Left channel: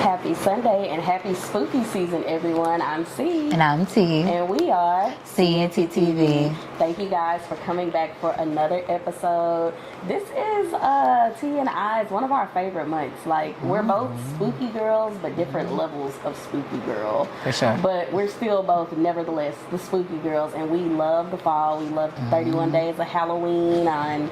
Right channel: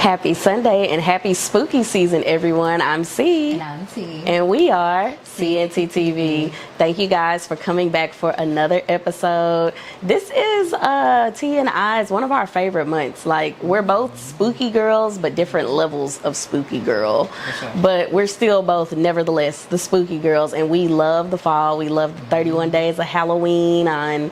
Happy Sunday and happy spooky season, everyone. I'm C. And I'm T. And we are CNT TV. Thank you guys for coming back for another episode. This is T and I's one of our favorite months. Like, we're both spooky girls, but different levels of spooky girl. For sure. But we're still both, nevertheless, the spooky girls. And we love the fall. We love the 31 days of Halloween on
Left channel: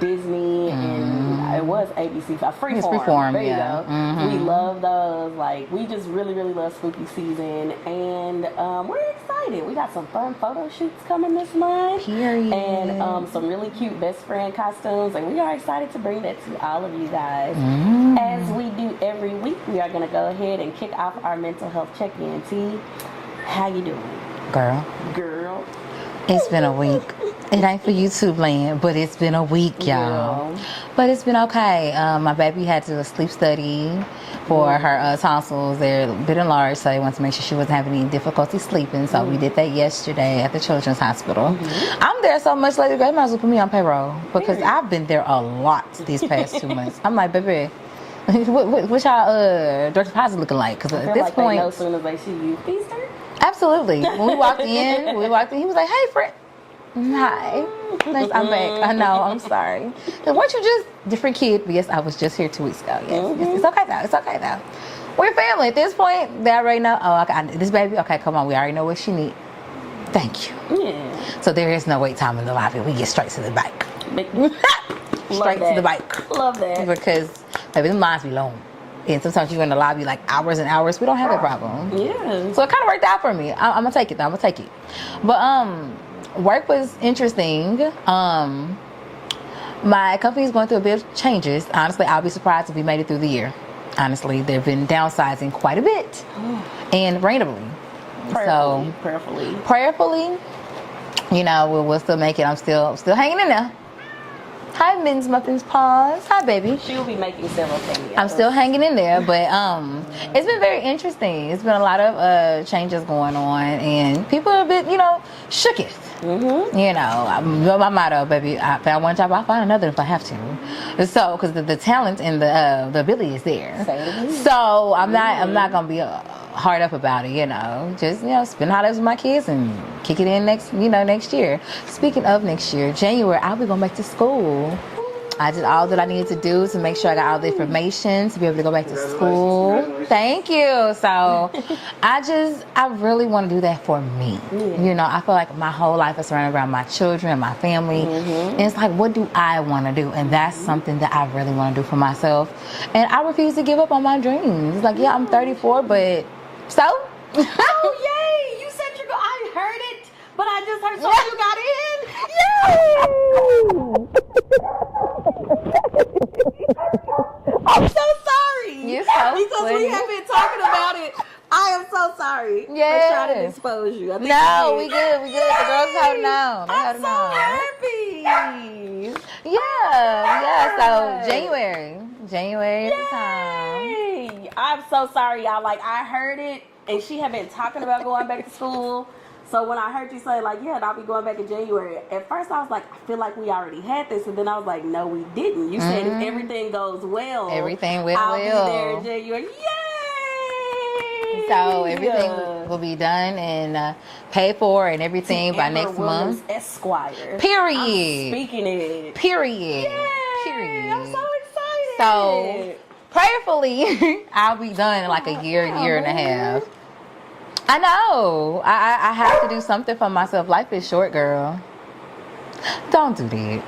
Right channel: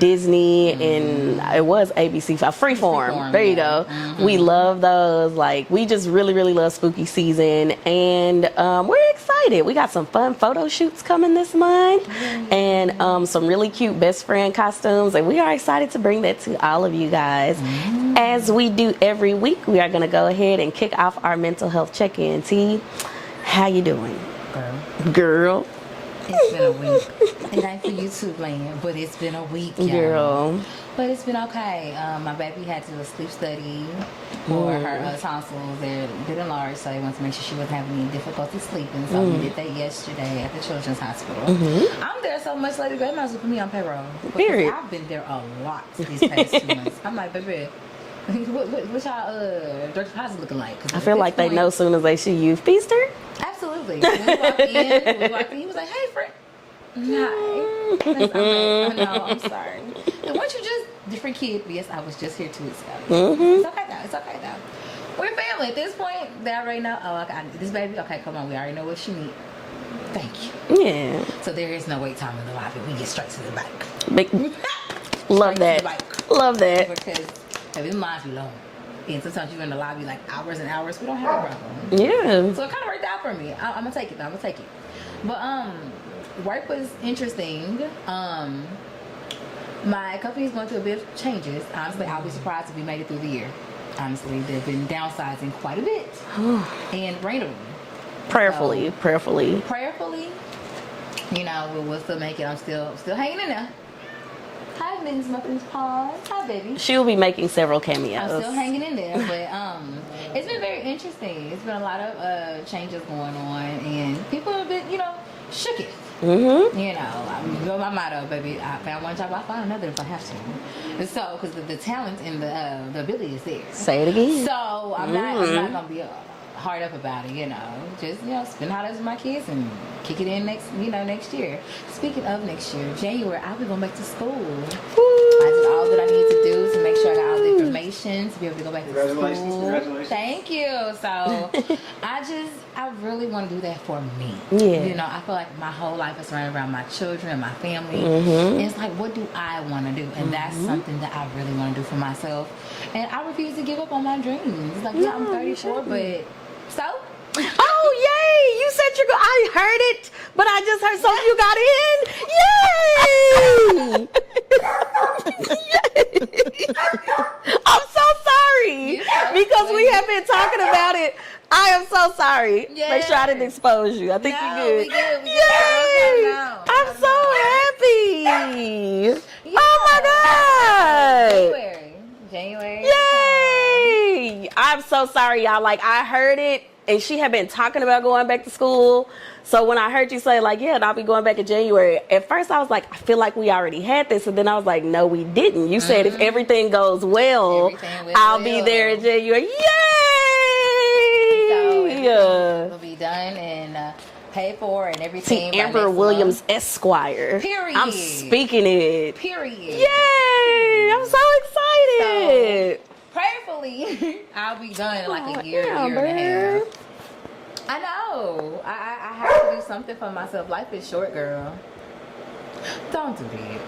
Disney and it was ABC Freeform. There you go. We love those. Like, we just really love spooky season, and we're excited. We got some fun photo shoots coming this month and some really cute best friend costumes, and we are excited to bring that to all of you guys. As we do every week, we are going to go ahead and kick off our mental health check-in. T, how you doing? Girl. It's been a week. It ain't for YouTube land, but it's been a week, y'all. But it's been okay. My baby had to do a sleep study for her tonsils. They're a bit enlarged, so they wanted to make sure she wasn't having any difficulty sleeping. So we did that yesterday at the Children's Hospital. I'm there so much later, they might as well put me on payroll. Because I've been there a lot these past 2 months. I'm like, baby, what's y'all Dr. Pazzi looking like? Cause I feel like they know as soon as they see you. Feaster? Absolutely. When we walked in, he was like, "Hey, friend." Hi. I'm back. I know. I'm sorry. Weren't you just different kid? Yes, I was just here 2 weeks ago. Yes. It's okay now. It's okay now. We're family at this point. They already know. Oh, okay. This baby. Okay, come on. We already know what she needs. Thank you. Yeah. So there is no wait time in the lobby. We get straight to the bike. Love to the bike. Love that. Because baby, the lines be long. And sometimes you're in the lobby like hours and hours. We don't have that problem. Yeah. So it kind of worked out for me. I'm going to take it, though. I'm going to take it. But work was interesting. My company's going through a bit of changes. Honestly, I'll be surprised if we made it through the year. Honestly, they've been downsizing quite a bit. And randomly. Prayerfully, you know, we'll still make it. I'm still hanging in there. Hi, Min's Muffins Paws. Hi, baby. She'll be making several cameos. I'm still hanging in there, but it's been very interesting. It's been a lot of changes going on, and people are a bit, shooketh. You know, my motto, baby, I found one job, I'll find another if I have to. So, because the talent and the ability is there. Say it again. So I'm not gonna be hard up about it, just spend holidays with my kids and kick it in next year. Speaking of next year, January, I'll be going back to school. I did all that I needed to do to make sure I got all the information to be able to go back to school. Thank you. So I really want to do that for me. I feel like my whole life is surrounded around my children and my family. And it's like, what do I want to do? And that's something that I really want to do for myself. And I refuse to give up on my dreams. It's like, yeah, I'm 34, but so? Oh, yay! You said you're I heard it, but I just heard so you got in. Yay! I'm so sorry. Because we have been talking about it. I am so sorry. Yeah. Make sure I didn't expose you. I think we good. I'm so happy. Yeah. Oh my God. So January. Yay! I'm so sorry, y'all. Like, I heard it, and she had been talking about going back to school. So when I heard you say, like, yeah, I'll be going back in January, at first I was like, I feel like we already had this. And then I was like, no, we didn't. You said if everything goes well, I'll be there in January. Yay! So everything will be done and paid for and everything by Amber next Williams month. Esquire. Period. I'm speaking it. Period. Yay! Period. I'm so excited. So prayerfully, I'll be done in like a year and a half. I know. I have to do something for myself. Life is short, girl. Don't do that.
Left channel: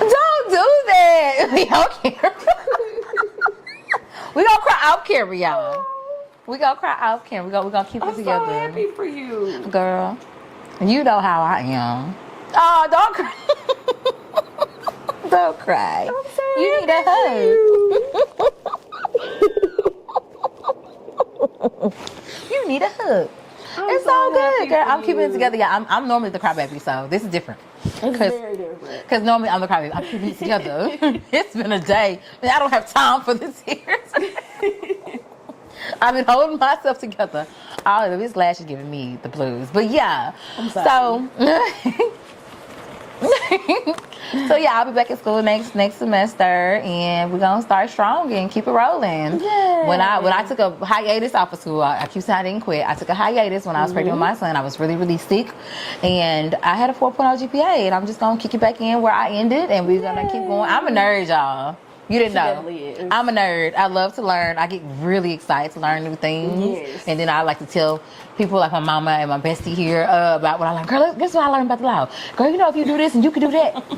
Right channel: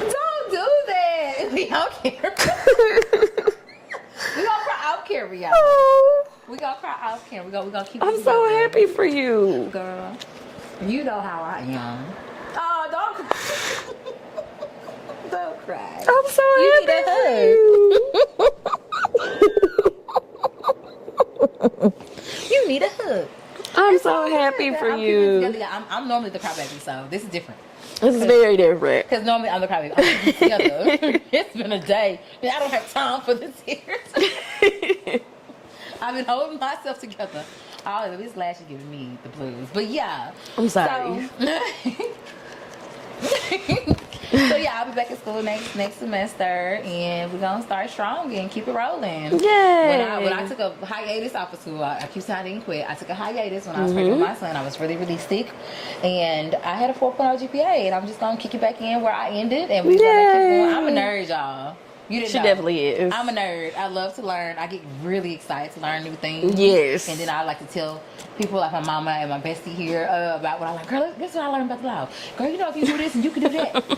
Don't do that. We don't care. We gonna cry out camera, y'all. We gonna cry out camera. We gonna keep it together. I'm so happy for you, girl. You know how I am. Oh, don't cry. Don't cry. I'm so happy. You need a hug. I'm so happy for I'm you. keeping it together. Yeah, I'm normally the crybaby, so this is different. It's very different. Because normally I'm the crybaby. I'm keeping it together. It's been a day. I don't have time for this here. I've been holding myself together. All of this lash is giving me the blues. But yeah. I'm sorry. So So yeah, I'll be back at school next semester, and we're gonna start strong and keep it rolling. Yay. When I took a hiatus off of school, I keep saying I didn't quit. I took a hiatus when I was pregnant with my son. I was really, really sick, and I had a 4.0 GPA, and I'm just gonna kick it back in where I ended, and we're gonna keep going. I'm a nerd, y'all. You didn't know. She definitely is. I'm a nerd. I love to learn. I get really excited to learn new things. Yes. And then I like to tell people like my mama and my bestie here about what I learned. Girl, guess what I learned about the law? Girl, you know if you do this and you can do that.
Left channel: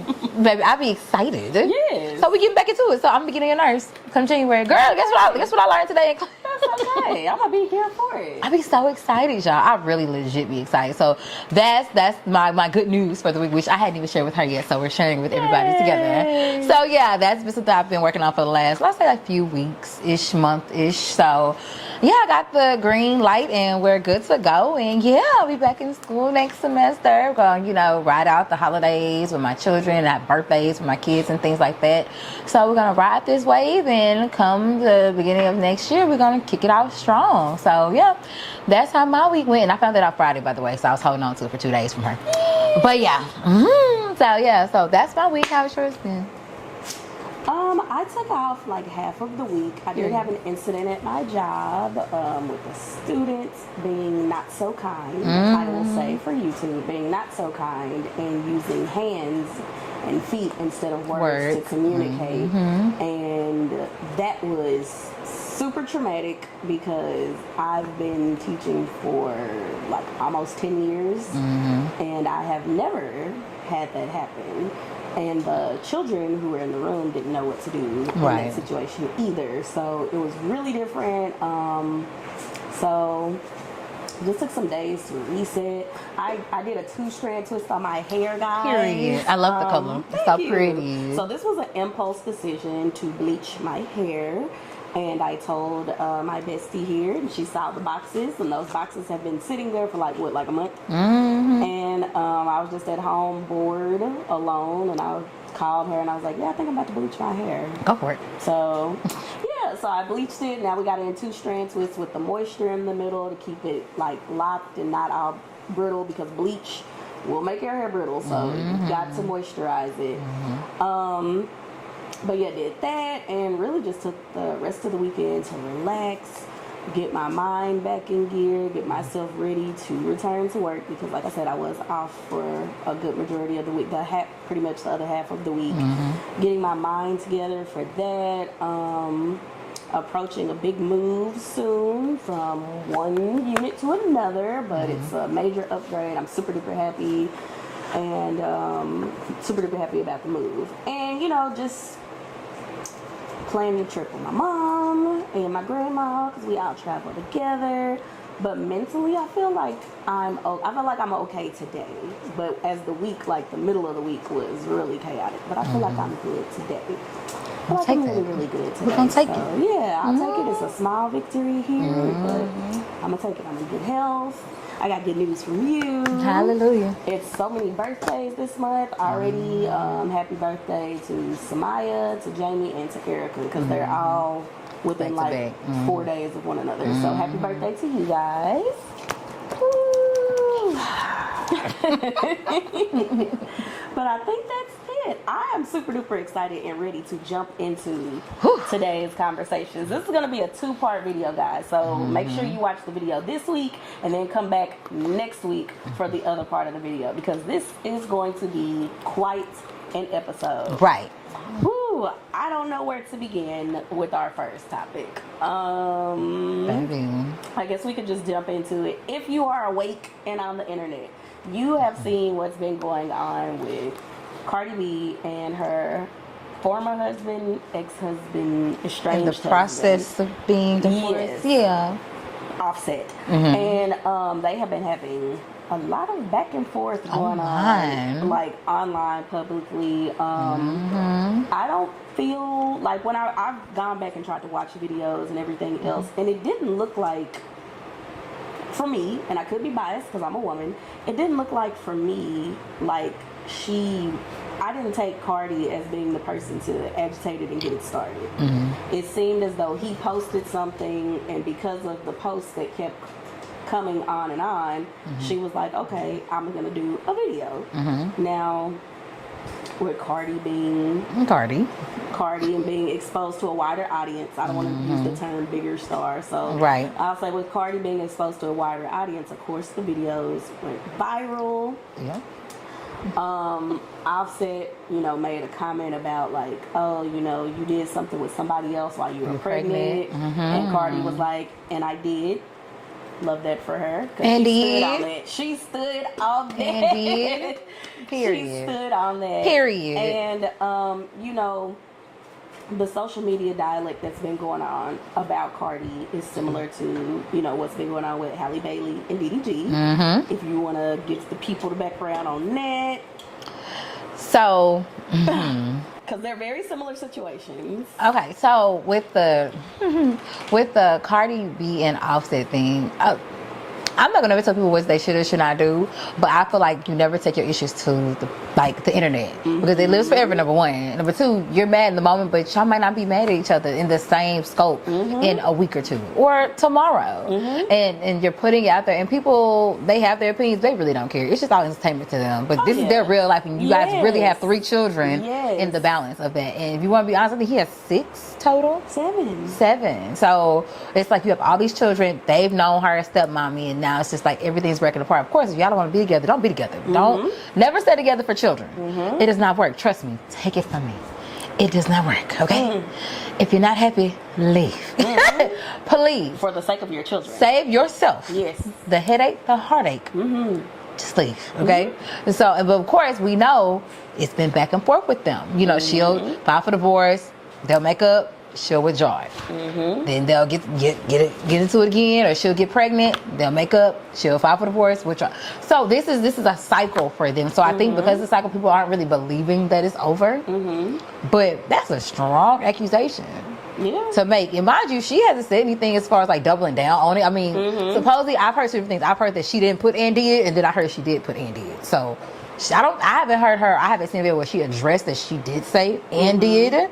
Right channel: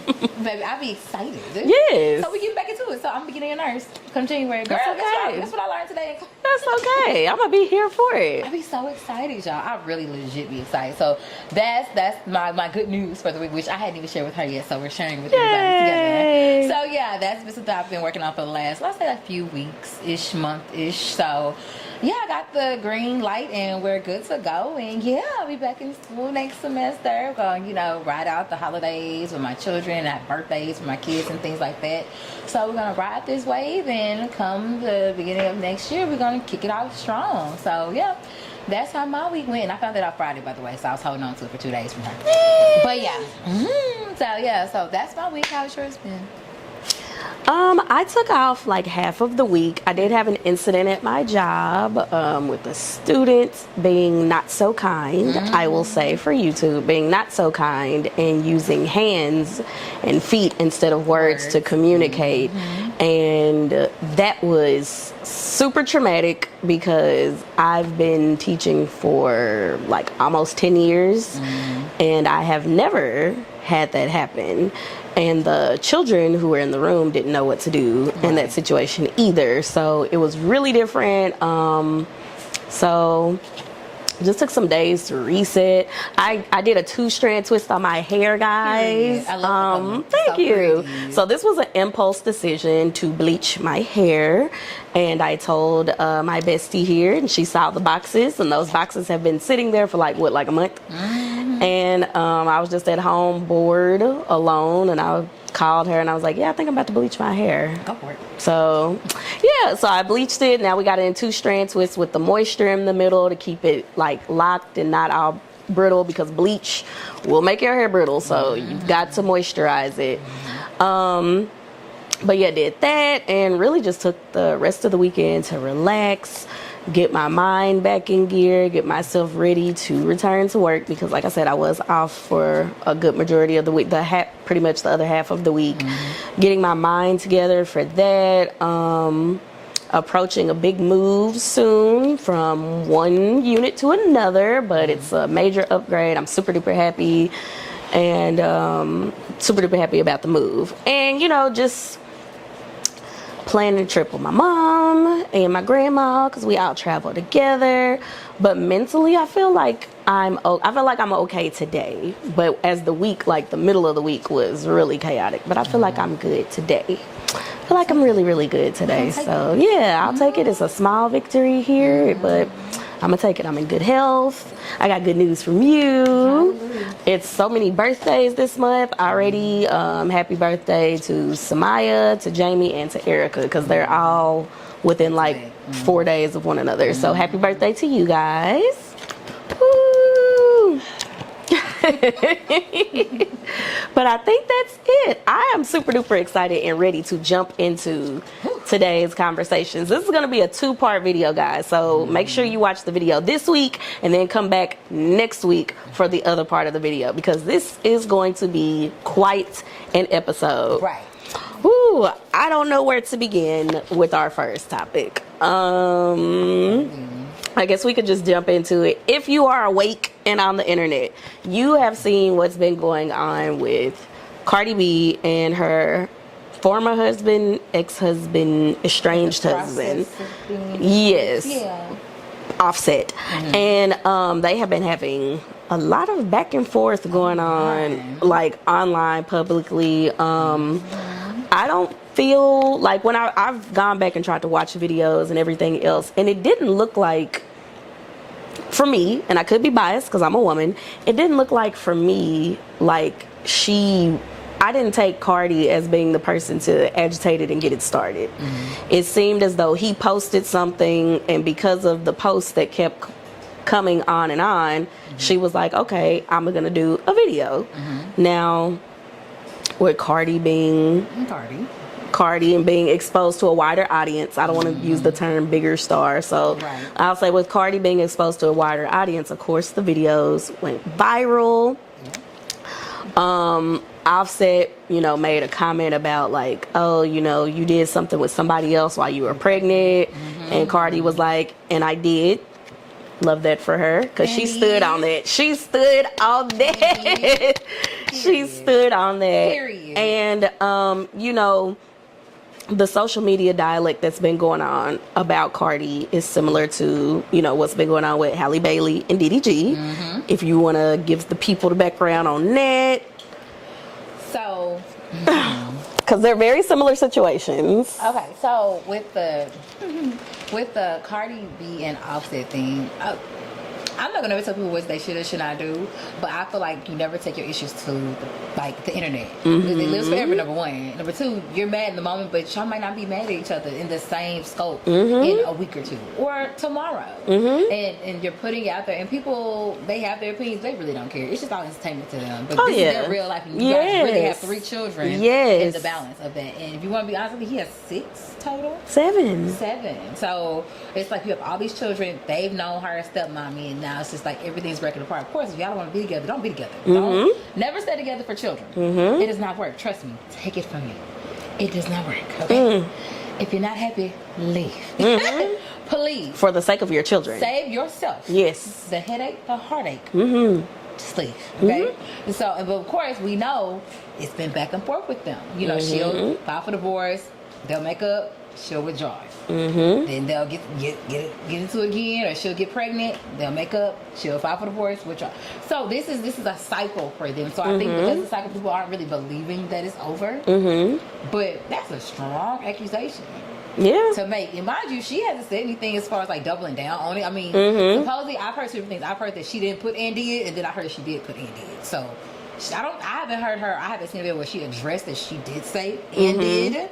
Baby, I be excited. Yes. So we get back into it. So I'm beginning a nurse come January. Girl, guess what I learned today in class? That's okay. I'm gonna be here for it. I be so excited, y'all. I really legit be excited. So that's my good news for the week, which I hadn't even shared with her yet. So we're sharing with everybody together. So yeah, that's been something I've been working on for the last, let's say, a few weeks-ish, month-ish. So yeah, I got the green light and we're good to go. And yeah, I'll be back in school next semester. I'm going, ride out the holidays with my children and have birthdays with my kids and things like that. So we're going to ride this wave, and come the beginning of next year, we're going to kick it off strong. So yeah, that's how my week went. And I found that out Friday, by the way, so I was holding on to it for 2 days from her. But yeah, so that's my week. How's yours been? I took off like half of the week. I did have an incident at my job with a student being not so kind, I will say, for YouTube, being not so kind and using hands and feet instead of words to communicate. And that was super traumatic because I've been teaching for like almost 10 years and I have never had that happen. And the children who were in the room didn't know what to do in that situation either. So it was really different. So it just took some days to reset. I did a 2-strand twist on my hair, guys. I love the color. Thank you. Pretty. So this was an impulse decision to bleach my hair. And I told my bestie here, and she saw the boxes, and those boxes have been sitting there for like a month. And I was just at home bored, alone, and I called her and I was like, yeah, I think I'm about to bleach my hair. Go for it. So yeah, so I bleached it. Now we got it in 2-strand twists with the moisture in the middle to keep it like locked and not all brittle, because bleach will make your hair brittle. So you've got to moisturize it. But yeah, did that and really just took the rest of the weekend to relax, get my mind back in gear, get myself ready to return to work, because like I said, I was off for a good majority of the week, pretty much the other half of the week. Getting my mind together for that. Approaching a big move soon from one unit to another, but it's a major upgrade. I'm super duper happy, and super duper happy about the move. And just planning a trip with my mom and my grandma, because we all travel together. But mentally, I feel like I'm okay today. But as the week, like the middle of the week, was really chaotic. But I feel like I'm good today. I feel like I'm really, really good today. So yeah, I'll take it. It's a small victory here, but I'm gonna take it. I'm in good health. I got good news from you. Hallelujah. It's so many birthdays this month already. Happy birthday to Samaya, to Jamie, and to Erica, because they're all within like 4 days of one another. So happy birthday to you guys. Woo. But I think that's it. I am super duper excited and ready to jump into today's conversations. This is going to be a 2-part video, guys. So make sure you watch the video this week and then come back next week for the other part of the video, because this is going to be quite an episode. Right. Ooh, I don't know where to begin with our first topic. I guess we could just jump into it. If you are awake and on the internet, you have seen what's been going on with Cardi B and her former husband, ex-husband, estranged husband. Process of being divorced. Yes. Yeah. Offset. And they have been having a lot of back and forth going on, like online, publicly. I don't feel like, when I've gone back and tried to watch videos and everything else, and it didn't look like, for me, and I could be biased because I'm a woman, it didn't look like for me like I didn't take Cardi as being the person to agitate it and get it started. It seemed as though he posted something, and because of the posts that kept coming on and on, she was like, okay, I'm gonna do a video. Now, with Cardi being Cardi and being exposed to a wider audience. I don't want to use the term bigger star. So Right. I'll say with Cardi being exposed to a wider audience, of course, the videos went viral. Yeah. Offset, made a comment about like, oh, you did something with somebody else while you were pregnant. And Cardi was like, and I did. Love that for her because she stood on that. She stood on that. She stood on that. Period. And, the social media dialect that's been going on about Cardi is similar to, what's been going on with Halle Bailey and DDG. If you want to give the people the background on that. So, because they're very similar situations. okay, so with the Cardi B and Offset thing, I'm not gonna never tell people what they should or should not do, but I feel like you never take your issues to the internet because it lives forever. Number one, number two, you're mad in the moment, but y'all might not be mad at each other in the same scope in a week or two or tomorrow. And you're putting it out there, and people, they have their opinions. They really don't care. It's just all entertainment to them. But this is their real life, and you guys really have 3 children. In the balance of that. And if you want to be honest with me, he has 6 total. 7. So it's like you have all these children. They've known her as stepmommy, and now it's just like everything's breaking apart. Of course, if y'all don't want to be together, don't be together. Don't never stay together for children. It does not work. Trust me. Take it from me. It does not work. Okay. If you're not happy, leave. Please. For the sake of your children. Save yourself. Yes. The headache, the heartache. Just leave. Okay. And so, but of course, we know it's been back and forth with them. She'll file for divorce. They'll make up. She'll withdraw it. Then they'll get into it again, or she'll get pregnant. They'll make up. She'll file for divorce, withdraw. So this is a cycle for them. So I think because the cycle, people aren't really believing that it's over. But that's a strong accusation. To make. And mind you, she hasn't said anything as far as like doubling down on it. I mean, supposedly I've heard certain things. I've heard that she didn't put and did, and then I heard she did put and did. So I haven't heard her. I haven't seen a video where she addressed that she did say and did.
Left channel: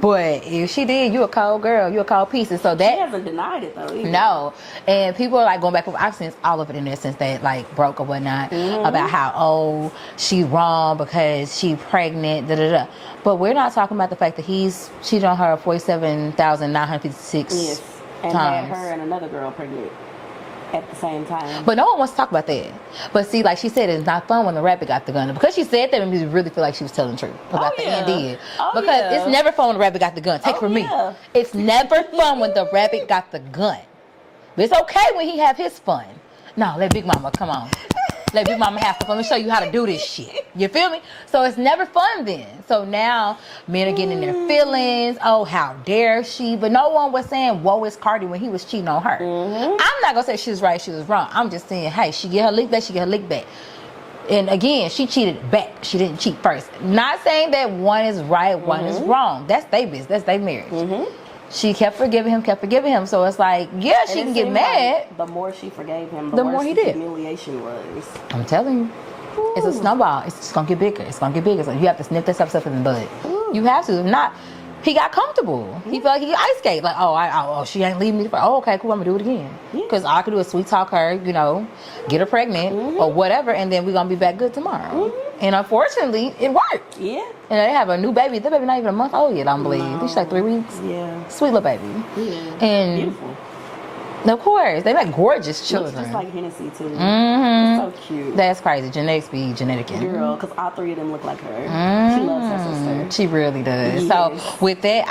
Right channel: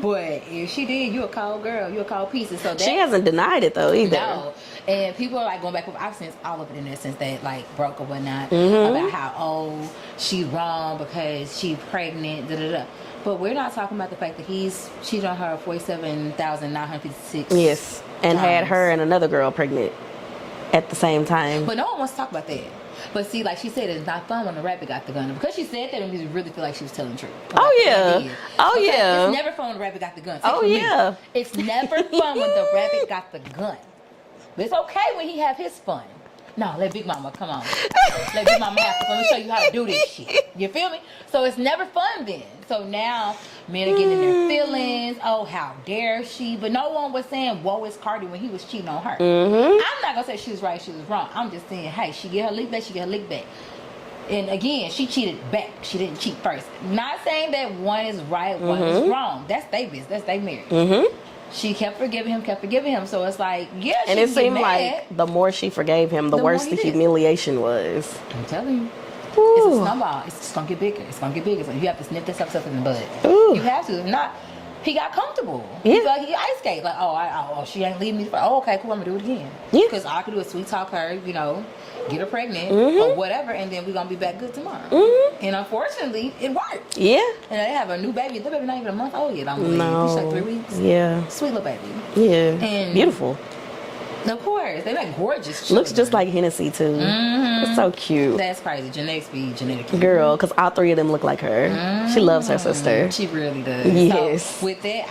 But if she did, you a cold girl. You a cold piece. And so that, she hasn't denied it though either. No. And people are like going back. I've seen all over the internet since they like broke or whatnot about how she wrong because she pregnant. But we're not talking about the fact that he's cheated on her 47,956. Yes, and times. had her and another girl pregnant at the same time. But no one wants to talk about that. But see, like she said, it's not fun when the rabbit got the gun. Because she said that, made me really feel like she was telling the truth. Because it's never fun when the rabbit got the gun. Take it from me. It's never fun when the rabbit got the gun. But it's okay when he have his fun. No, let Big Mama, come on. Let Big Mama have fun. Let me show you how to do this shit. You feel me? So it's never fun then. So now men are getting in their feelings. Oh, how dare she? But no one was saying, woe is Cardi when he was cheating on her. I'm not going to say she was right, she was wrong. I'm just saying, hey, she get her lick back, she get her lick back. And again, she cheated back. She didn't cheat first. Not saying that one is right, one is wrong. That's their business. That's their marriage. She kept forgiving him. So it's like, yeah, she can get mad. Like the more she forgave him, the worse the humiliation was. I'm telling you. Ooh. It's a snowball. It's just going to get bigger. It's going to get bigger. So you have to snip that stuff in the bud. Ooh. You have to. If not, he got comfortable. He felt like he ice skate. Like, she ain't leaving me. Okay, cool. I'm going to do it again. Because all I could do is sweet talk her, get her pregnant or whatever, and then we're going to be back good tomorrow. And unfortunately, it worked. Yeah. And they have a new baby. The baby not even a month old yet, I don't believe. She's like 3 weeks. Yeah. Sweet little baby. Yeah. And beautiful. Of course. They like gorgeous children. Looks just like Hennessy, too. It's so cute. That's crazy. Genetics be genetic. Girl, because all 3 of them look like her. She loves her sister. She really does. Yes. So with that,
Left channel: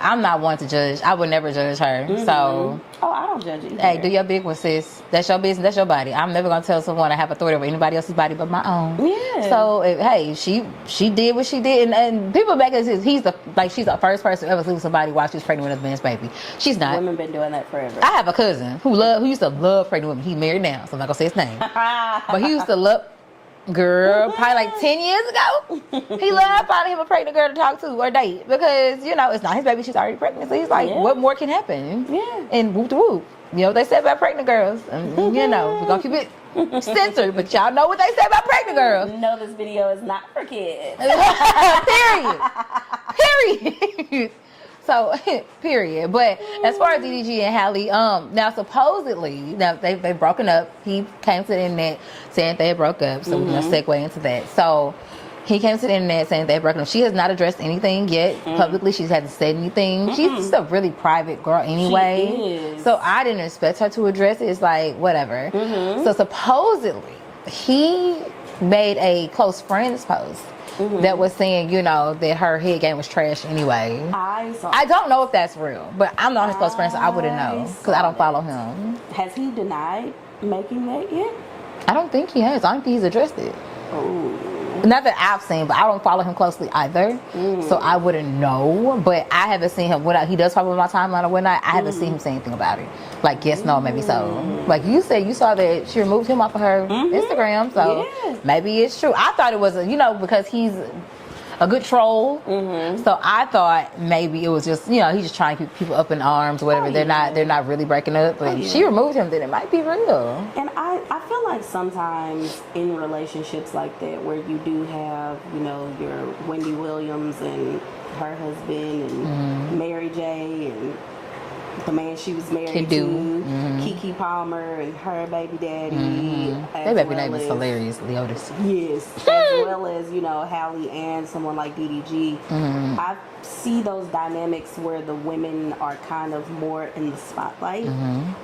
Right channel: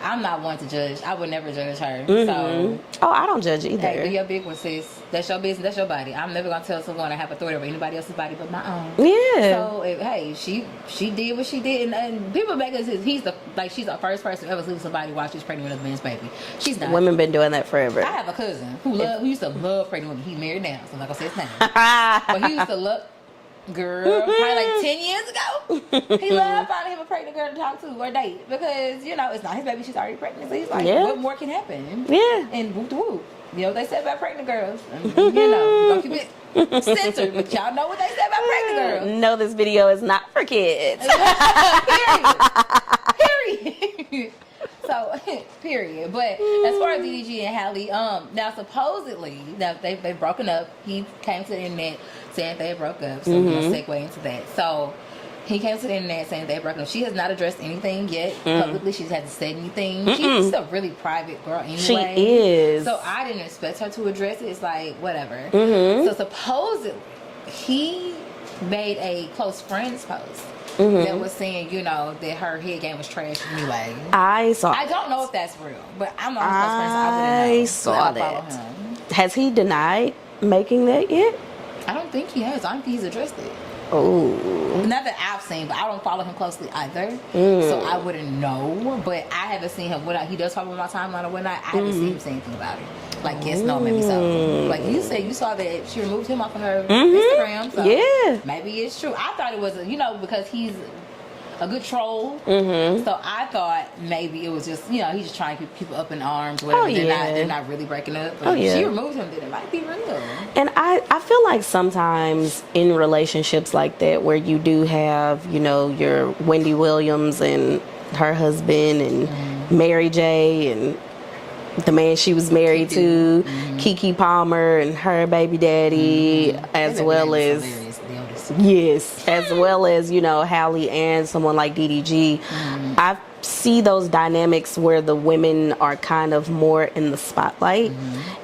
I'm not one to judge. I would never judge her. So. Oh, I don't judge either. Hey, do your big one, sis. That's your business. That's your body. I'm never going to tell someone I have authority over anybody else's body but my own. Yeah. So, hey, she did what she did. And people back then says she's the first person to ever sleep with somebody while she's pregnant with a man's baby. She's not. Women been doing that forever. I have a cousin who used to love pregnant women. He's married now, so I'm not going to say his name. But he used to love... Girl, probably like 10 years ago, he loved finding him a pregnant girl to talk to or date because, it's not his baby, she's already pregnant. So he's like, what more can happen? Yeah. And whoop de whoop. They say about pregnant girls. And, we're going to keep it censored, but y'all know what they say about pregnant girls. No, this video is not for kids. Period. So, period. But as far as DDG and Halle, now supposedly, they've broken up. He came to the internet saying they broke up, so we're going to segue into that. So, He came to the internet saying they broke up. She has not addressed anything yet publicly. She hasn't said anything. She's just a really private girl anyway. She is. So I didn't expect her to address it. It's like, whatever. So supposedly, he made a close friends post that was saying, you know, that her head game was trash anyway. I don't know if that's real, but I'm not his close friend, so I wouldn't know. So I don't follow him. Has he denied making that yet? I don't think he has. I don't think he's addressed it. Oh, not that I've seen, but I don't follow him closely either, so I wouldn't know. But I haven't seen him. He does pop up on my timeline or whatnot. I haven't seen him say anything about it. Like, yes, no, maybe so. Like you said, you saw that she removed him off of her Instagram, so maybe it's true. I thought it was, because he's a good troll. So I thought maybe it was just, he's just trying to keep people up in arms or whatever. They're not really breaking up. But if she removed him, then it might be real. And I feel like sometimes in relationships like that, where you do have, your Wendy Williams and her husband and Mary J and the man she was married to, Keke Palmer and her baby daddy, as well as hilarious, Leotis. Yes, as well as Halle and someone like DDG. I see those dynamics where the women are kind of more in the spotlight,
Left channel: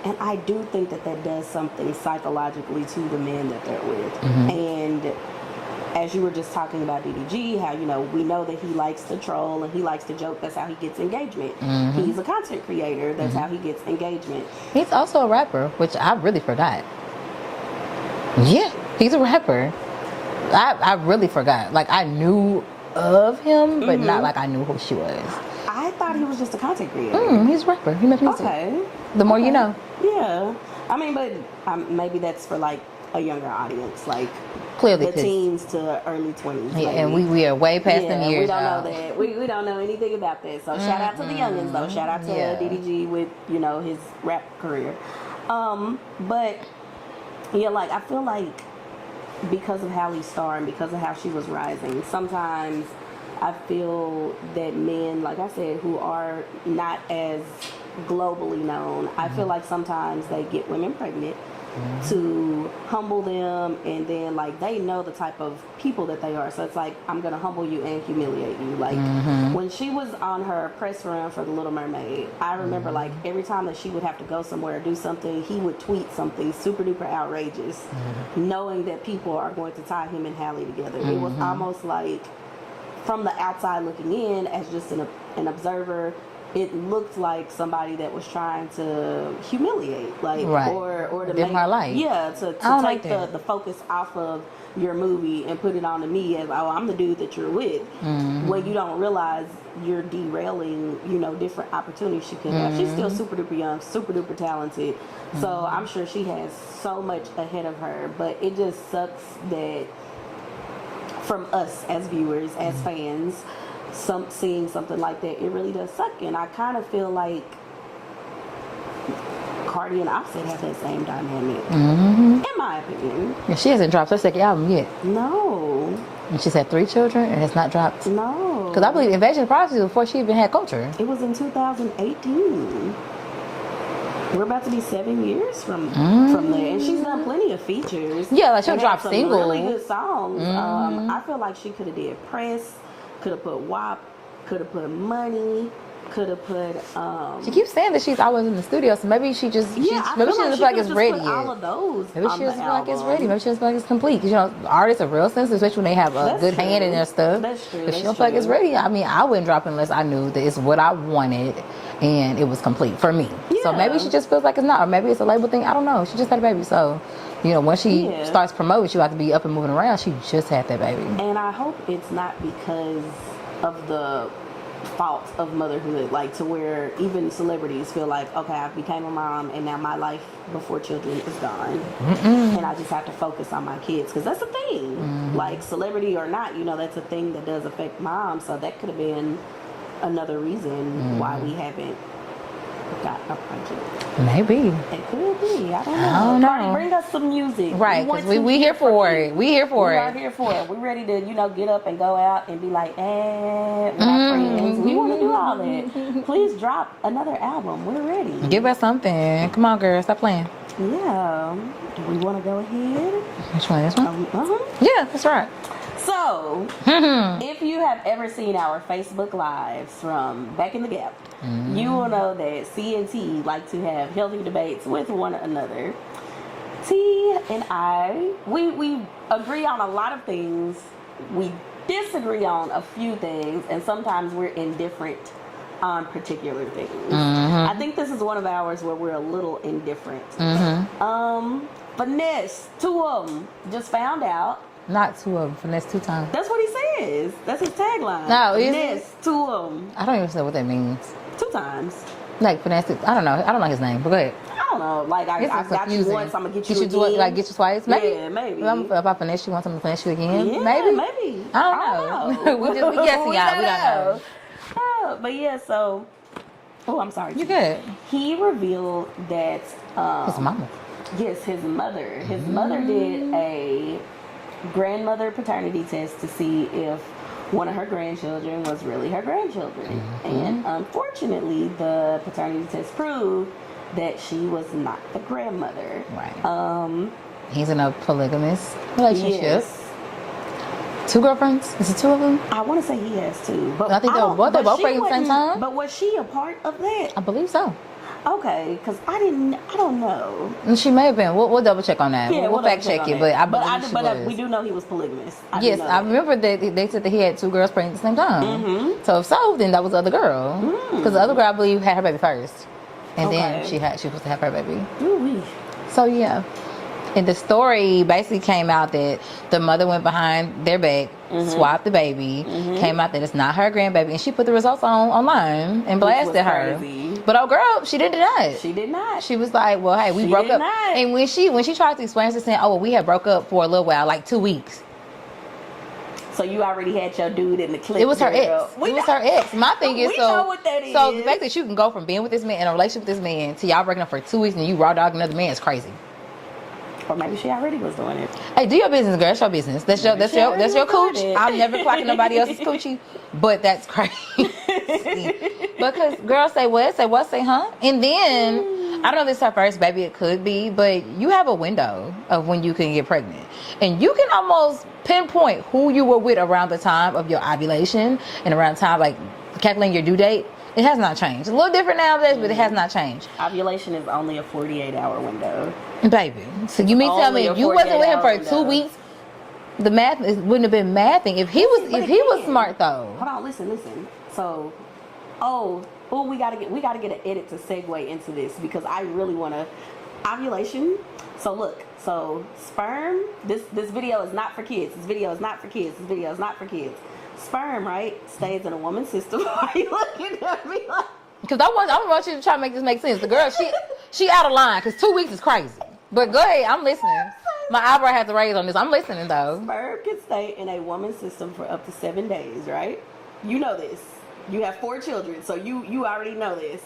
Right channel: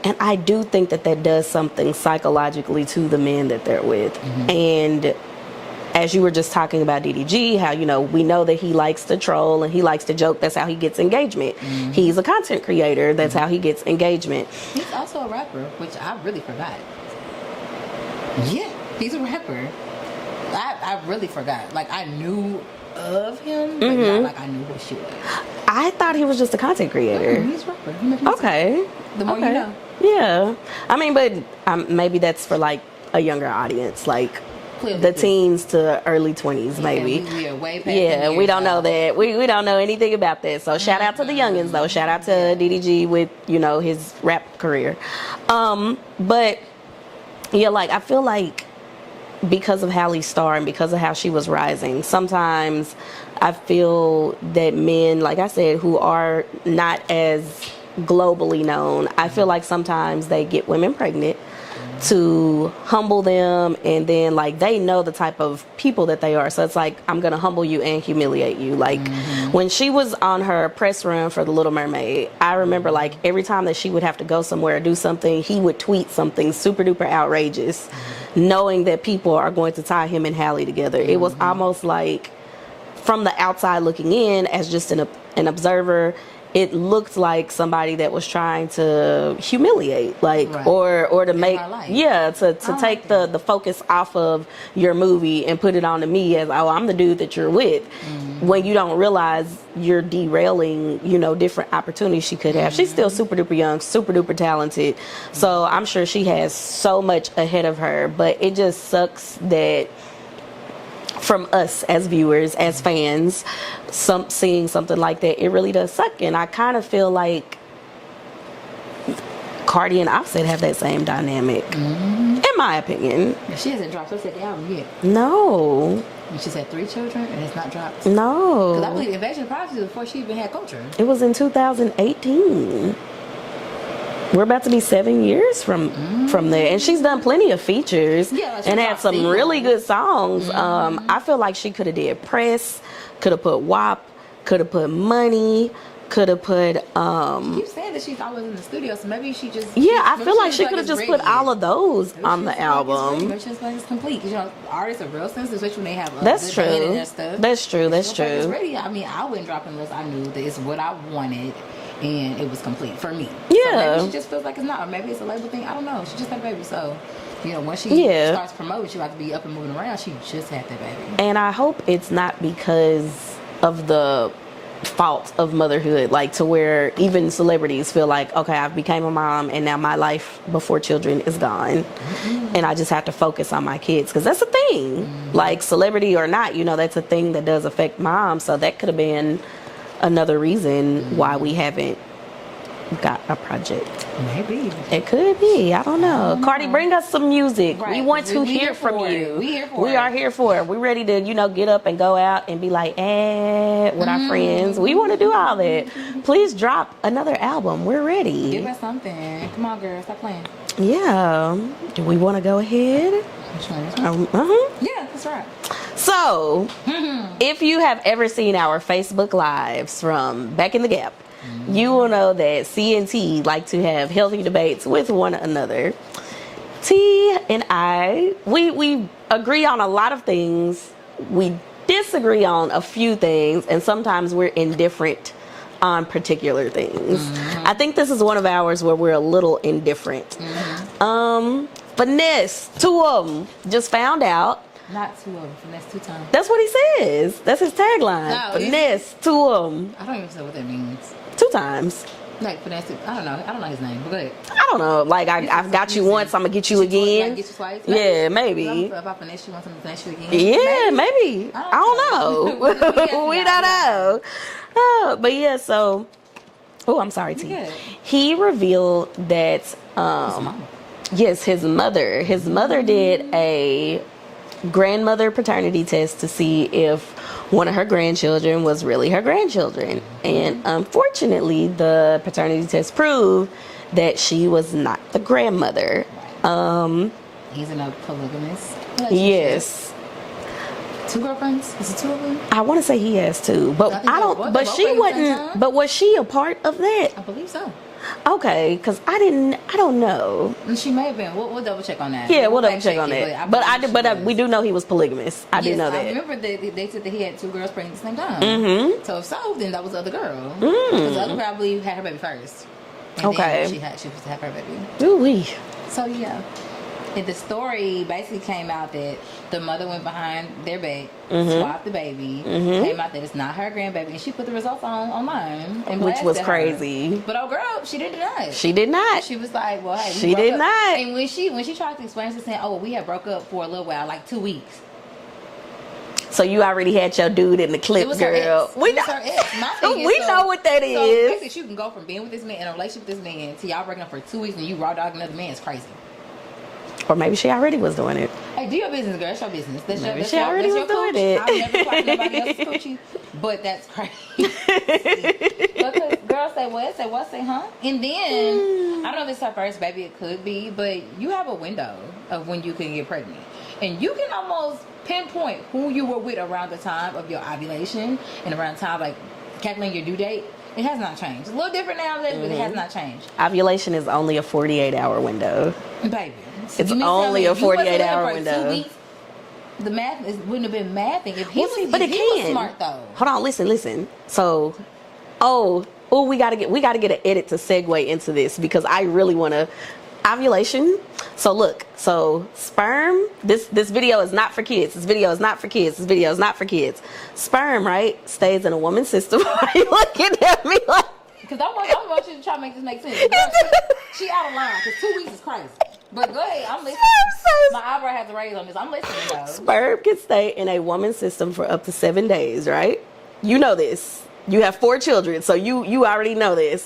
and I do think that does something psychologically to the men that they're with. And as you were just talking about DDG, how, we know that he likes to troll and he likes to joke. That's how he gets engagement. He's a content creator. That's how he gets engagement. He's also a rapper, which I really forgot. Yeah, he's a rapper. I really forgot. Like, I knew of him, but not like I knew who she was. I thought he was just a content creator. He's a rapper. He makes music. Okay. The more you know. Yeah. I mean, but maybe that's for, like, a younger audience. Like, clearly the teens to early 20s, maybe. And we are way past and we don't know that. We don't know anything about that. So shout out to the youngins, though. Shout out to DDG with, his rap career. But, yeah, like, I feel like because of Halle's star and because of how she was rising, sometimes I feel that men, like I said, who are not as globally known, I feel like sometimes they get women pregnant to humble them, and then like they know the type of people that they are, so it's like, I'm gonna humble you and humiliate you. Like when she was on her press run for The Little Mermaid, I remember like every time that she would have to go somewhere or do something, he would tweet something super duper outrageous, knowing that people are going to tie him and Halle together. It was almost like, from the outside looking in as just an observer, it looked like somebody that was trying to humiliate, like, or to make, to take the focus off of your movie and put it onto me as, oh, I'm the dude that you're with, when you don't realize you're derailing, different opportunities she could have. She's still super duper young, super duper talented, so I'm sure she has so much ahead of her, but it just sucks that from us as viewers, as fans, seeing something like that, it really does suck. And I kind of feel like Cardi and Offset have that same dynamic, in my opinion. She hasn't dropped her second album yet. No. And she's had 3 children and has not dropped. No. Because I believe Invasion of Privacy was before she even had Culture. It was in 2018. We're about to be 7 years from there, and she's done plenty of features. Yeah, and had some really good songs. I feel like she could have did Press, could have put WAP, could have put Money, could have put. She keeps saying that she's always in the studio, so maybe she just. Yeah, I feel like she could have just put all of those on the album. Maybe she just like it's complete. Artists are real sensitive, especially when they have a good hand in their stuff. That's true. That's true. Like it's ready. I mean, I wouldn't drop it unless I knew that it's what I wanted. And it was complete for me. Yeah. So maybe she just feels like it's not. Or maybe it's a label thing. I don't know. She just had a baby. So, when she starts promoting, she have to be up and moving around. She just had that baby. And I hope it's not because of the fault of motherhood. Like, to where even celebrities feel like, okay, I've became a mom and now my life before children is gone. And I just have to focus on my kids. Because that's a thing. Like, celebrity or not, that's a thing that does affect moms. So that could have been another reason why we haven't got a project. Maybe it could be. I don't know. Cardi, bring us some music. Right. We want to hear from you. We here for it. We are here for it. We're ready to, get up and go out and be like, with our friends. We want to do all that. Please drop another album. We're ready. Give us something. Come on, girl. Stop playing. Yeah. Do we want to go ahead? Which one? This one? Yeah, that's right. So, if you have ever seen our Facebook Lives from back in the gap, you will know that CNT like to have healthy debates with one another. T and I, we agree on a lot of things. We disagree on a few things, and sometimes we're indifferent on particular things. I think this is one of ours where we're a little indifferent. Finesse, 2 of them just found out. Not 2 of them, finesse 2 times. That's what he says. That's his tagline. No, finesse, 2 of them. I don't even know what that means. 2 times. Like finesse, I don't know. I don't know his name, but go ahead. I don't know. Like, I've got you once, I'm going to get you again. Like, get you twice? Maybe. Yeah, maybe. If I finesse you once, I'm going to finesse you again? Yeah, maybe. I don't know. we don't know. But yeah, so... Oh, I'm sorry, T. Good. He revealed that... His mama. Yes, his mother. His mother did a grandmother paternity test to see if one of her grandchildren was really her grandchildren. And unfortunately, the paternity test proved that she was not the grandmother. Right. He's in a polygamous relationship. Yes. 2 girlfriends? Is it 2 of them? I want to say he has 2, but I think but she wasn't. But was she a part of that? I believe so. Okay, because I don't know. She may have been. We'll double check on that. Yeah, we'll double check on it. But we do know he was polygamous. I do know that. I remember that they said that he had 2 girls pregnant at the same time. So if so, then that was the other girl. Because the other girl, I believe, had her baby first, and then she was supposed to have her baby. Ooh-wee. So yeah. And the story basically came out that the mother went behind their back, swapped the baby, came out that it's not her grandbaby, and she put the results online and blasted Which was her. crazy. But oh girl, she did not. She did not. She was like, well, hey, we broke up. Not. And when she tried to explain to saying, oh, well, we had broke up for a little while, like 2 weeks. So you already had your dude in the clip. It was her ex. It was her ex. My thing is, we know what that is. So basically, you can go from being with this man in a relationship with this man to y'all breaking up for 2 weeks and you raw dog another man is crazy. Or maybe she already was doing it. Hey, do your business, girl. That's your business. That's your coochie. I'll never clock nobody else's coochie, but that's crazy. Because girls say what? Say what? Say huh? And then I don't know if it's her first baby. It could be, but you have a window of when you can get pregnant, and you can almost pinpoint who you were with around the time of your ovulation and around the time like calculating your due date. It has not changed. A little different nowadays, but it has not changed. Ovulation is only a 48-hour window. Baby. So you mean tell me if you wasn't with him for 2 weeks, the math wouldn't have been mathing. If he was smart though. Hold on, listen. So we gotta get an edit to segue into this because I really wanna ovulation. So look, sperm, this video is not for kids. This video is not for kids. Sperm, right, stays in a woman's system. Why are you looking at me like? Because I want you to try to make this make sense. The girl, she out of line because 2 weeks is crazy. But go ahead, I'm listening. My eyebrow has to raise on this. I'm listening though. Sperm can stay in a woman's system for up to 7 days, right? You know this. You have 4 children, so you already know this.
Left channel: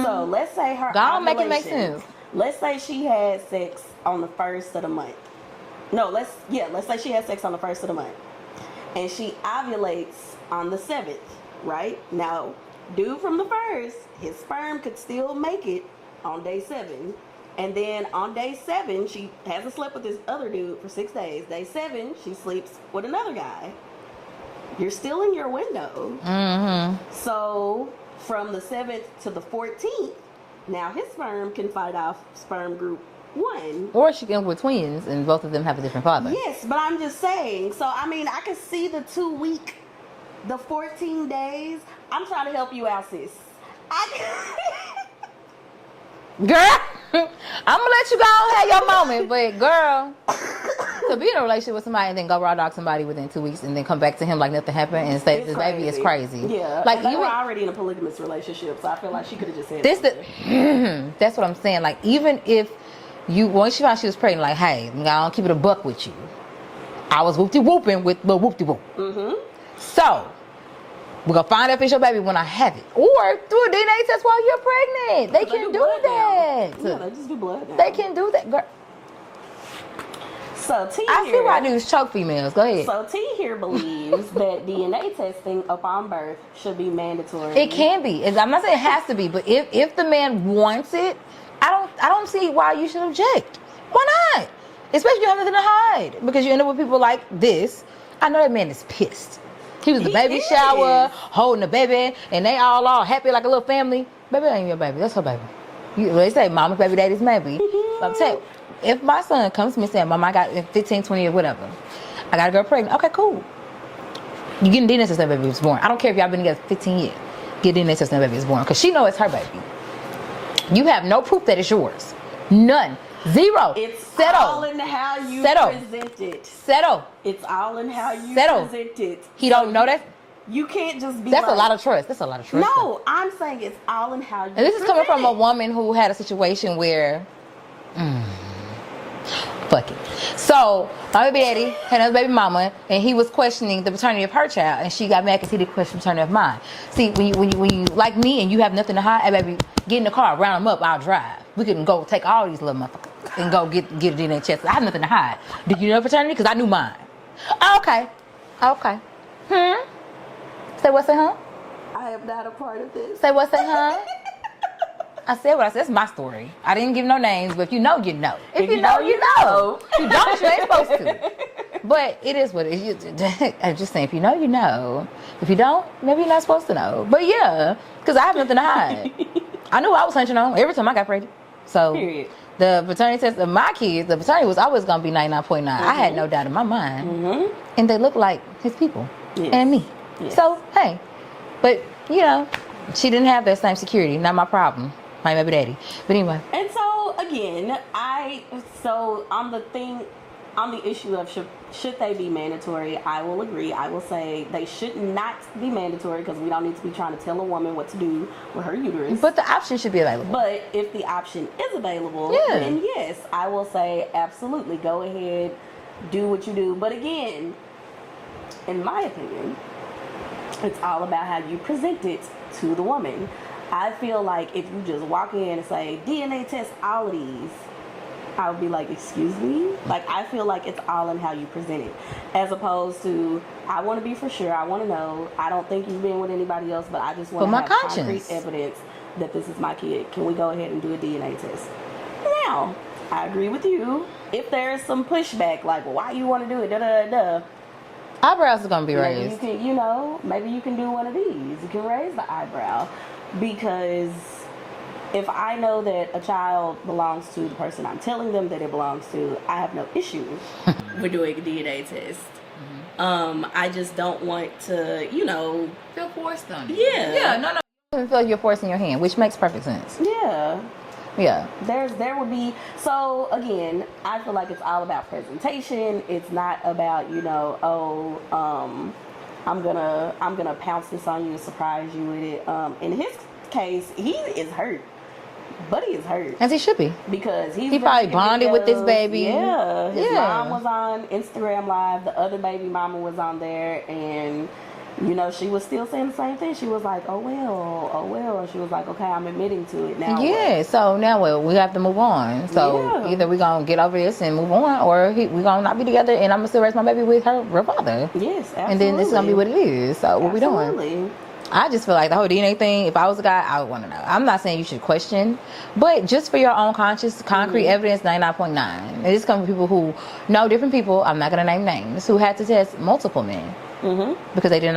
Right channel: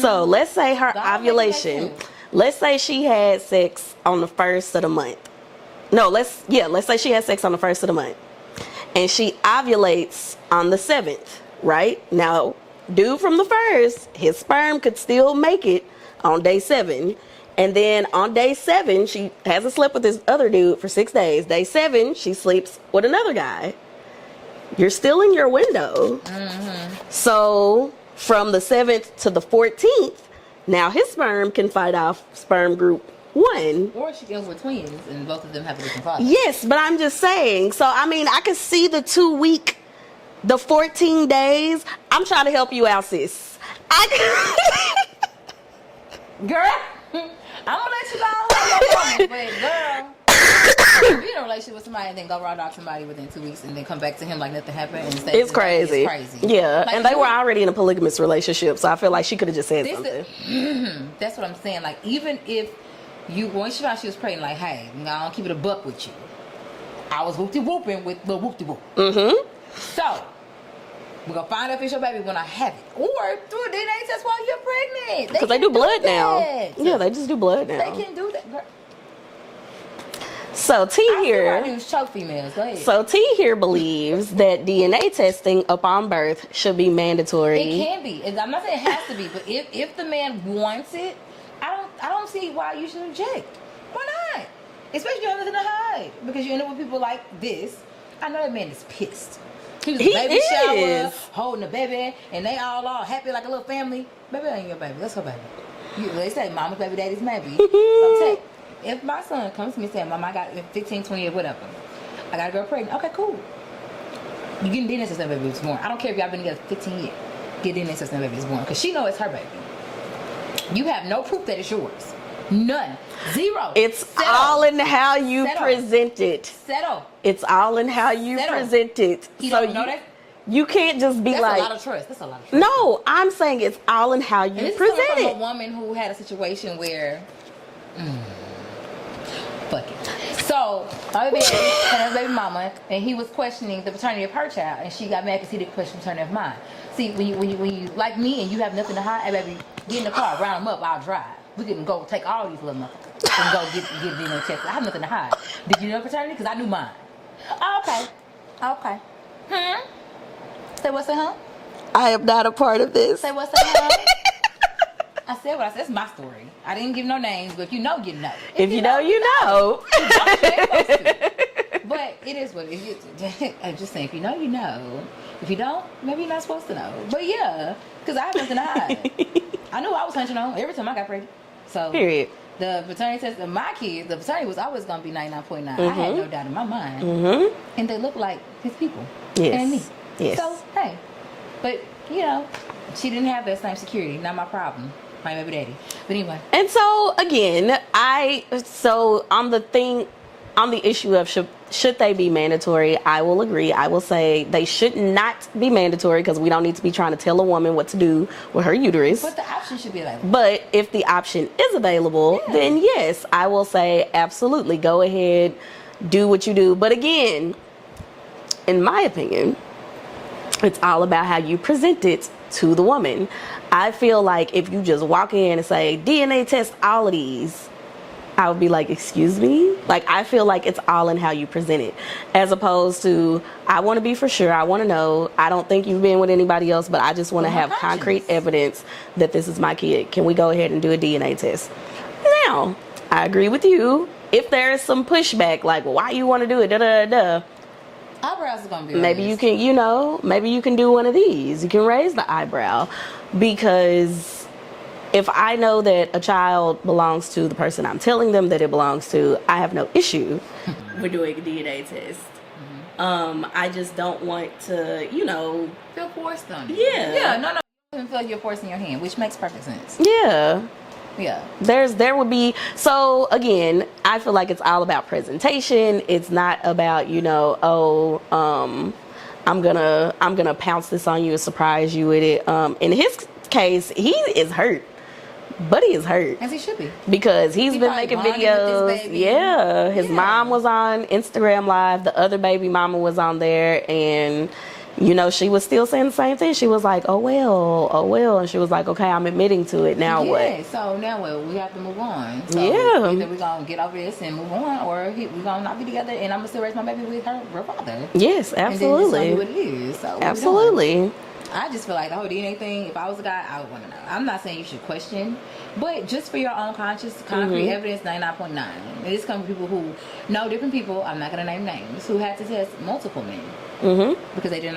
So let's say her ovulation. Let's say she had sex on the 1st of the month. No, let's say she had sex on the 1st of the month. And she ovulates on the 7th, right? Now, dude from the 1st, his sperm could still make it on day 7. And then on day 7, she hasn't slept with this other dude for 6 days. Day 7, she sleeps with another guy. You're still in your window. So from the 7th to the 14th, now his sperm can fight off sperm group 1. Or she can with twins and both of them have a different father. Yes, but I'm just saying. So, I mean, I could see the 2 week, the 14 days. I'm trying to help you out, sis. Girl, I'm going to let you go and have your moment. But, girl, to be in a relationship with somebody and then go raw dog somebody within 2 weeks and then come back to him like nothing happened and stay it's crazy. It's crazy. Yeah. Like, and they were already in a polygamous relationship, so I feel like she could have just said something. That's what I'm saying. Like, even if once she found she was pregnant, like, hey, I'm going to keep it a buck with you. I was whoop-de-whooping with the whoop-de-whoop. So, we're going to find out if it's your baby when I have it. Or do a DNA test while you're pregnant. Because they do blood now. Yeah, they just do blood now. They can do that, girl. So T I here, feel like these choke females. Go ahead. So T here believes that DNA testing upon birth should be mandatory. It can be. I'm not saying it has to be, but if the man wants it, I don't see why you should object. Why not? Especially if you have nothing to hide, because you end up with people like this. I know that man is pissed. He was in He the baby is. shower, holding the baby, and they all happy like a little family. Baby ain't your baby. That's her baby. They say mama's baby, daddy's baby. So I'm saying, if my son comes to me saying, Mom, I got 15, 20 years, whatever, I got a girl pregnant. Okay, cool. You getting DNA test that baby was born. I don't care if y'all been together 15 years. Get DNA test that baby is born. Because she know it's her baby. You have no proof that it's yours. None. Zero. It's Settle. all in how you Settle. present it. Settle. It's all in how you Settle. present it. He don't know that? You can't just be That's like... a lot of trust. That's a lot of trust. No, I'm saying it's all in how you And this is present coming from it. a woman who had a situation where... fuck it. So, my baby daddy had a baby mama, and he was questioning the paternity of her child, and she got mad because he didn't question the paternity of mine. See, when you like me and you have nothing to hide, hey baby, get in the car, round them up, I'll drive. We can go take all these little motherfuckers and go get it in the chest. I have nothing to hide. Do you know paternity? Because I knew mine. Okay. Say what's in her? I am not a part of this. Say what's in her? I said what I said. That's my story. I didn't give no names, but if you know, you know. If you know, you know. You don't, you ain't supposed to. But it is what it is. I'm just saying, if you know, you know. If you don't, maybe you're not supposed to know. But yeah, because I have nothing to hide. I knew I was hunching on every time I got pregnant. So Period. the paternity test of my kids, the paternity was always going to be 99.9. I had no doubt in my mind. And they look like his people. Yes. And me. Yes. So, hey. But, you know, she didn't have that same security. Not my problem. My baby daddy. But anyway. And so again, on the issue of should they be mandatory, I will agree. I will say they should not be mandatory because we don't need to be trying to tell a woman what to do with her uterus. But the option should be available. But if the option is available, then yes, I will say absolutely go ahead, do what you do. But again, in my opinion, it's all about how you present it to the woman. I feel like if you just walk in and say, DNA test all of these, I would be like, excuse me? Like, I feel like it's all in how you present it. As opposed to, I want to be for sure, I want to know, I don't think you've been with anybody else, but I just want to have concrete evidence that this is my kid. Can we go ahead and do a DNA test? Now, I agree with you. If there is some pushback, like, why you want to do it, da-da-da-da. Eyebrows are going to be raised. Maybe you can, maybe you can do one of these. You can raise the eyebrow. Because if I know that a child belongs to the person I'm telling them that it belongs to, I have no issue with doing a DNA test. I just don't want to, feel forced on it. Yeah. Yeah, no. You feel like you're forcing your hand, which makes perfect sense. Yeah. Yeah. There would be, so again, I feel like it's all about presentation. It's not about, I'm gonna pounce this on you and surprise you with it. In his case, he is hurt. Buddy is hurt. As he should be. Because he's been probably making bonded videos with this baby. Yeah. His mom was on Instagram Live. The other baby mama was on there. And, she was still saying the same thing. She was like, oh, well. And she was like, okay, I'm admitting to it. Now what? Yeah, so now what? We have to move on. So either we're going to get over this and move on, or we're going to not be together and I'm going to still raise my baby with her father. Yes, absolutely. And then this is going to be what it is. So what absolutely. we doing? I just feel like the whole DNA thing, if I was a guy, I would want to know. I'm not saying you should question, but just for your own concrete evidence, 99.9. And this comes from people who know different people, I'm not going to name names, who had to test multiple men. Because they did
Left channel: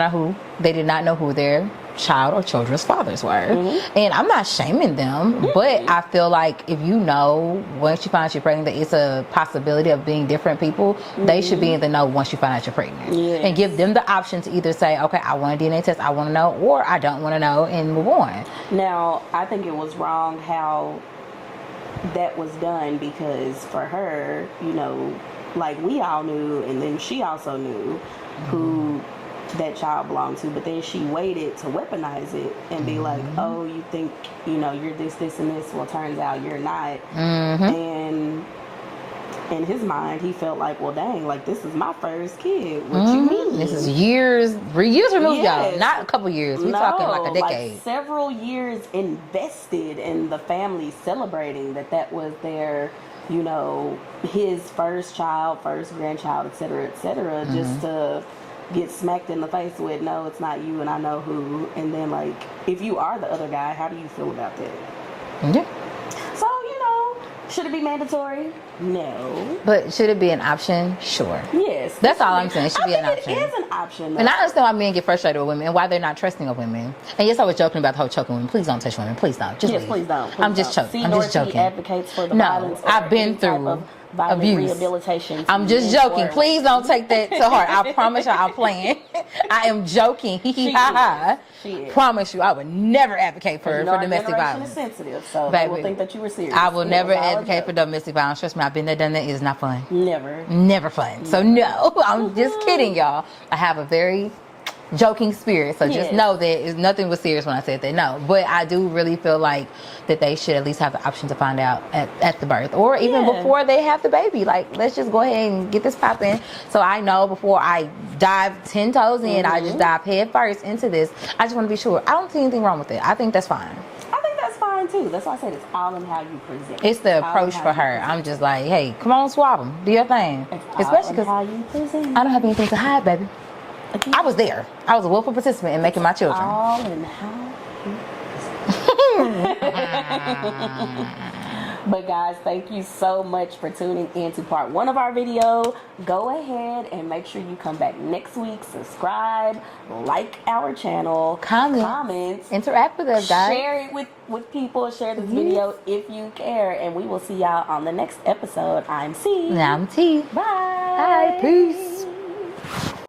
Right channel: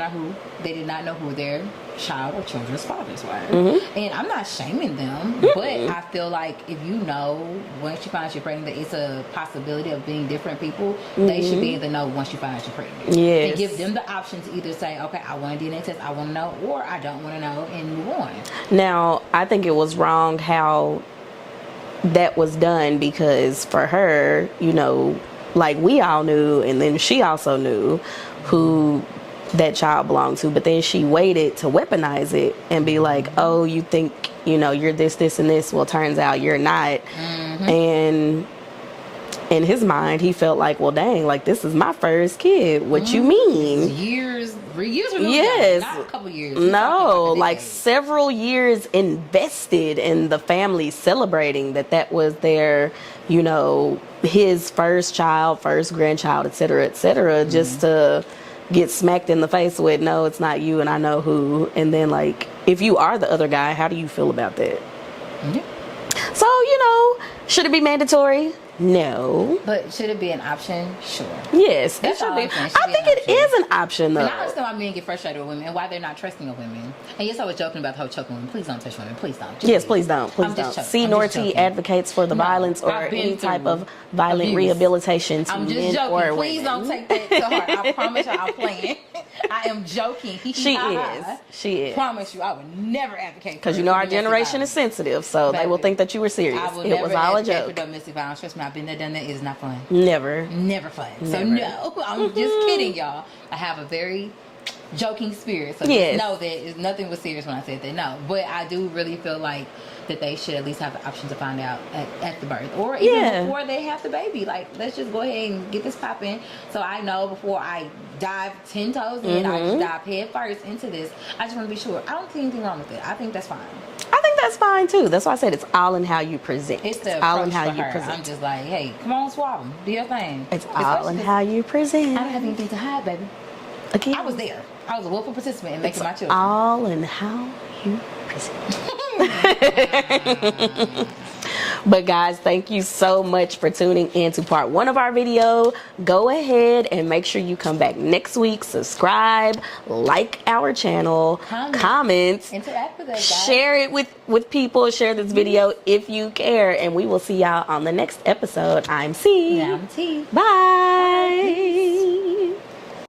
not know who their child or children's fathers were. And I'm not shaming them, but I feel like if you know once you find out you're pregnant that it's a possibility of being different people, they should be in the know once you find out you're pregnant. Yes. And give them the option to either say, okay, I want a DNA test, I want to know, or I don't want to know, and move on. Now, I think it was wrong how that was done because for her, like we all knew, and then she also knew who that child belonged to, but then she waited to weaponize it and be like, oh, you think, you're this, and this. Well, turns out you're not. And in his mind, he felt like, well, dang, like this is my first kid. What you mean? This is years removed, yes. not a couple years. No, talking like several years invested in the family celebrating that was their, his first child, first grandchild, et cetera, just to get smacked in the face with, no, it's not you and I know who. And then, like, if you are the other guy, how do you feel about that? So, Should it be mandatory? No. But should it be an option? Sure. Yes. That's all I'm saying. It should I be think an it option. is an option, though. And I understand why men get frustrated with women and why they're not trusting of women. And yes, I was joking about the whole choking women. Please don't touch women. Please don't. Just Yes, please don't. Please I'm just joking. CNT advocates for the No, violence or I've been any type through of violent abuse. rehabilitation. To I'm just men joking. or Please women. don't take that to heart. I promise y'all I'm playing. I am joking. She is. She is. Promise you, I would never advocate for Because you know our domestic generation violence. is sensitive, so they will Baby, think that you were serious. I will It never was all a advocate joke. for domestic violence. Trust me, I've been there, done that. It's not fun. Never. Never fun. So no, I'm just kidding, y'all. I have a very joking spirit, so Yes. just know that nothing was serious when I said that. No, but I do really feel like that they should at least have the option to find out at the birth, or even Yeah. before they have the baby. Like, let's just go ahead and get this popping. So I know before I dive 10 toes in, I just dive head first into this. I just want to be sure. I don't see anything wrong with it. I think that's fine. I think that's fine too. That's why I said it's all in how you present. It's the all in approach how for you her. present. I'm just like, hey, come on, swab them. Do your thing. It's all Especially in 'cause how you present. I don't have anything to hide, baby. Again, I was there. I was a willful participant in making my children. all in how you present. But guys, thank you so much for tuning in to part 1 of our video. Go ahead and make sure you come back next week. Subscribe, like our channel, comment, Interact with us, guys. share it with people. Share this video if you care, and we will see y'all on the next episode. I'm C. And I'm T. Bye. Bye. Peace.